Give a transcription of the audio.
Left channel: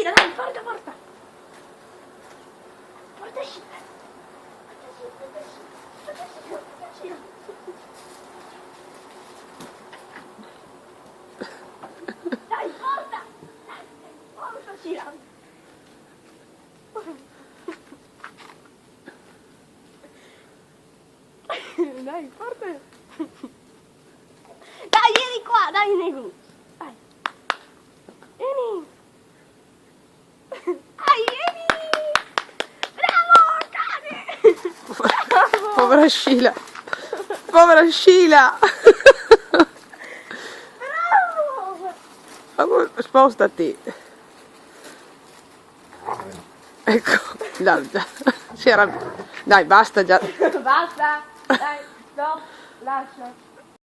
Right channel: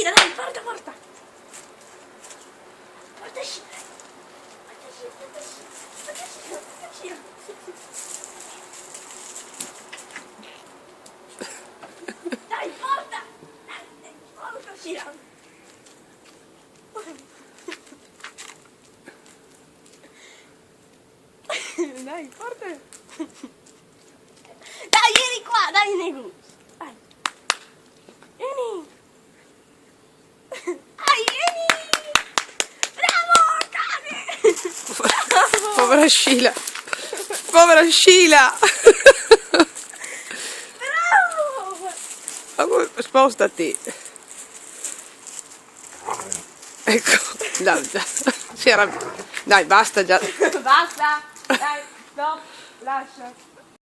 Scila, dai, porta. Porta Scila. Porta Scila. Dai, porta. Porta Scila. Dai, porta. Dai, vieni qua, dai, Nego. Dai. Vieni. Dai, vieni. Bravo, dai. Povera Scila. Povera Scila. Bravo. Spostati. Ecco, dai, dai, basta già. Basta. Dai, stop. Lascia.